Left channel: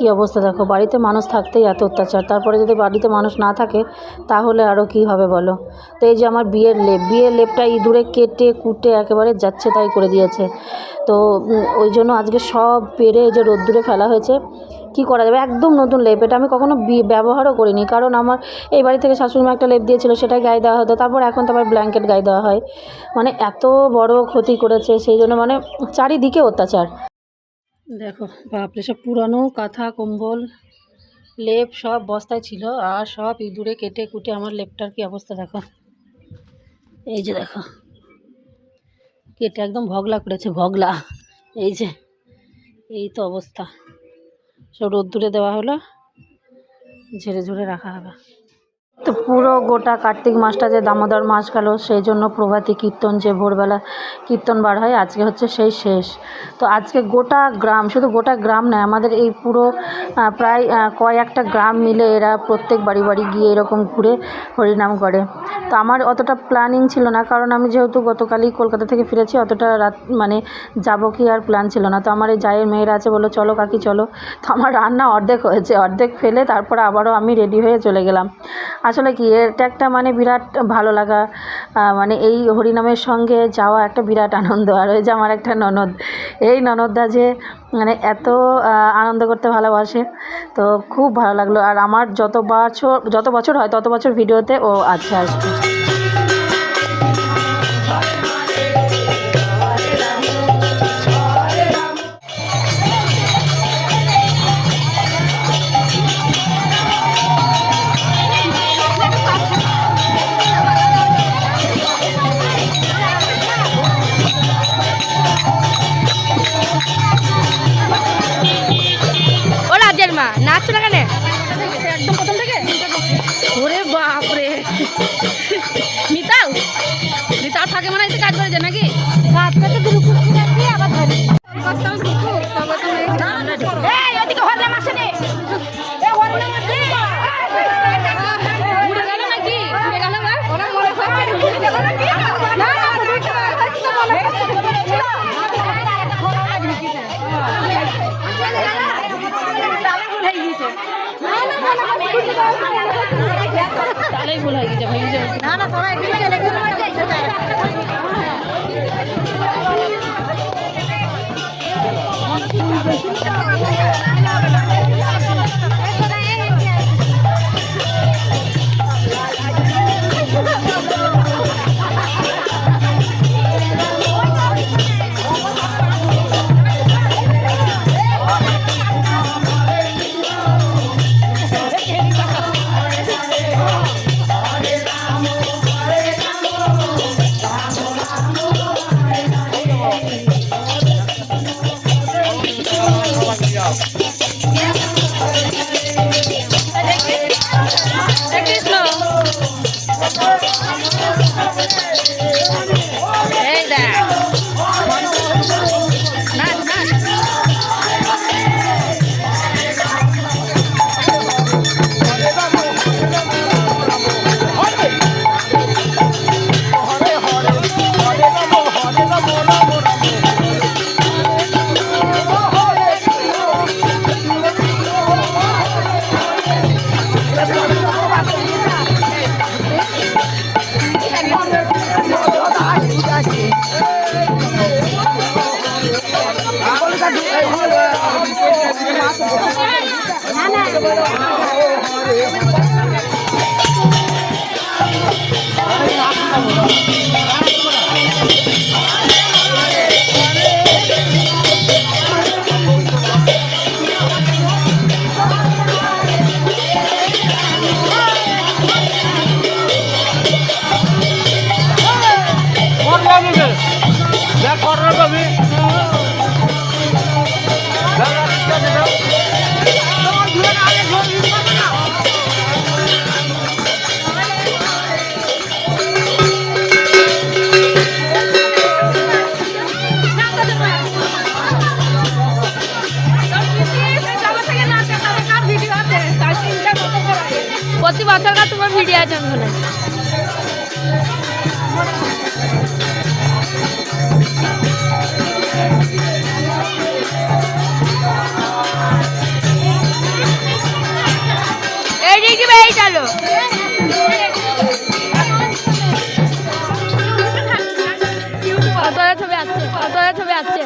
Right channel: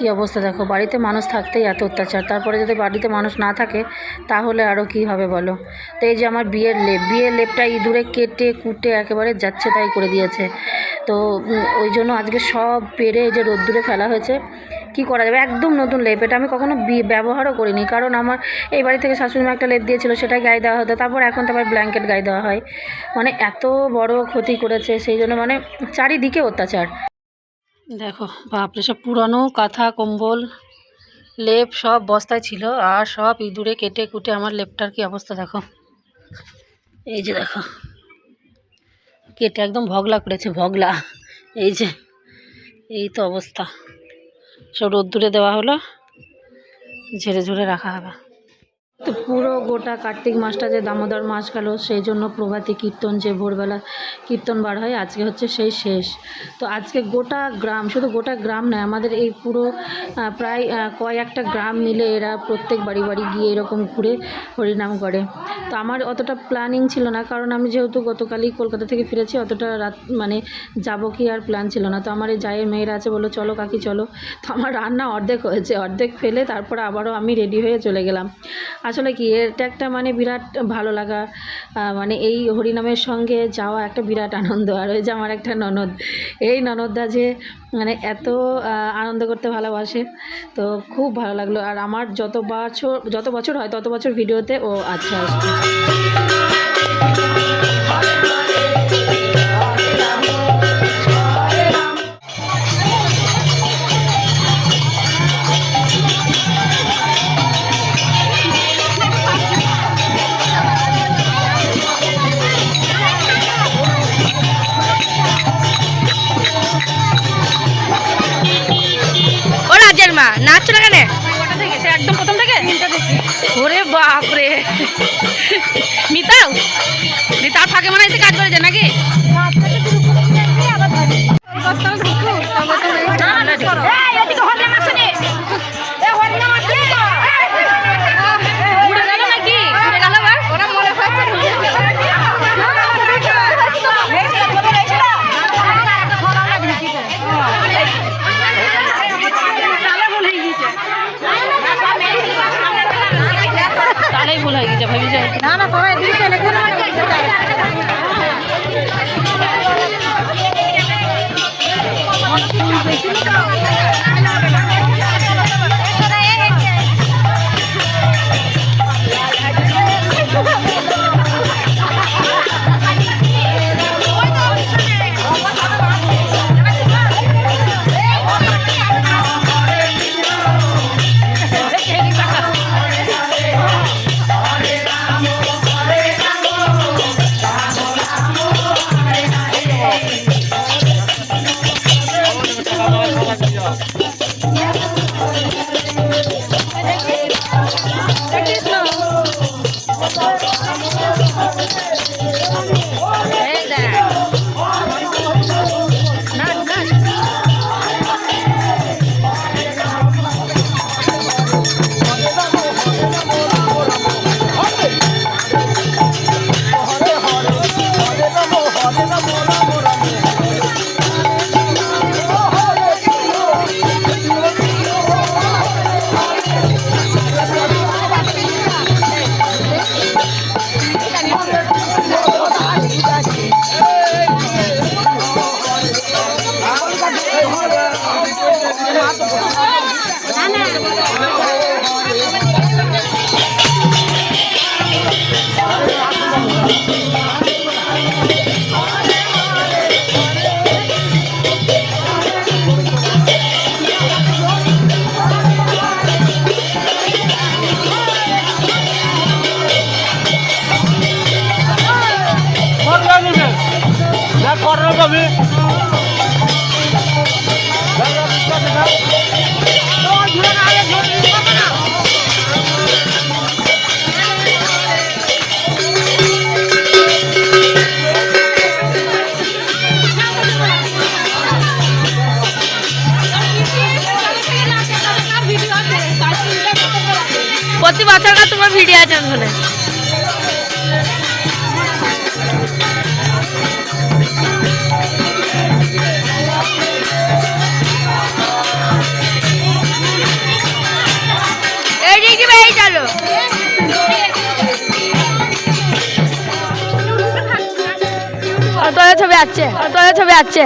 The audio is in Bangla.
কি অবস্থা? দেখো, বাড়িতে মানুষ থাকতেই এত অত্যাচার। তারপরে যদি বাড়িতে মানুষ না থাকে, তাহলে আরও কি হবে বলো? তো এই যে আমার বিয়ের লেপ, বিয়ের লেপটা ইঁদুরে কেটে কুটে একেবারে যাচ্ছে তাই করে দিয়েছে। তো ওই জন্য আজকে সব পেরে এই যে রোদ্দুরে ফেলা হয়েছে, কি করা যাবে? একদম নতুন লেপ। এটা আমি কখনো ব্যবহারও করিনি। কারণ আমার এই বাড়ি থেকে শাশুড়ি মা একটা লেপ দিয়েছিল, সেটাই গায়ে দেওয়া হতো। তারপর এখন তো আবার ব্ল্যাঙ্কেট গায়ে দেওয়া হয়। মানে এত বড় ক্ষতি করেছে, সেই জন্য মানে চারিদিকে অত্যাচার। দেখো, বাপরে, সব পুরানো কাঁথা, কম্বল, লেপ সব বস্তায় ছিল আর সব ইঁদুরে কেটে কুটে আমার লেপটার কি অবস্থা দেখো। এই যে দেখো, কেটে একদম ভগলা করেছে, ভগলা। এই যে, এই তো অবস্থা। সব রোদ্দুরে দেওয়া হলো, ঝেড়ে ঝুড়ে রাখা হবে। তো পুরো গোটা কার্তিক মাসটা যে দামোদর মাস গেল, সেই জন্য প্রভাতী কীর্তন যে ভোরবেলা কীর্তন বার হয়, আজকে হচ্ছে সেই শেষ। তো আজকে গোটা গ্রাম, শুধু গোটা গ্রাম নয়, আমাদের এই পুরো প্রায় কয়েকটা গ্রাম মিলে এরা প্রত্যেক বাড়ি বাড়ি গিয়ে এরকম ঘুরে হরিনাম করে। তো আমার অতটা প্ল্যানিং ছিল না, কারণ আমি যেহেতু গতকালই কলকাতা থেকে ফিরেছি, অতটা রাত মানে যাব কি আর প্ল্যান ছিল না। তো আমার এই জায়ের মেয়েরা আছে বলো চলো কাকি, চলো। তো আমার রান্না অর্ধেক হয়েছে, অর্ধেক ফেলে, তারপর আবারও আমি রেডি হয়ে চলে গেলাম। আসলে কি, এটা একটা মানে বিরাট ভালো লাগা। মানে এই হরিনামের সঙ্গে যাওয়া একটা বিরাট আনন্দ। আর ওই যে আমার একটা ননদ, এই ননদদা যে মানে এত আনন্দ করতে ভালোবাসে, তো খুব ভালো লাগল। আর আমার যত বছর যত বছর হয় তত বছর ভিডিওতে ও আছে আসবে। তাহলেই ভুল হয়ে গেছে ভাবি যে প্রতি বছর का তোমার ভিডিও আছে শুনে। ছবি আছে ছবি আছে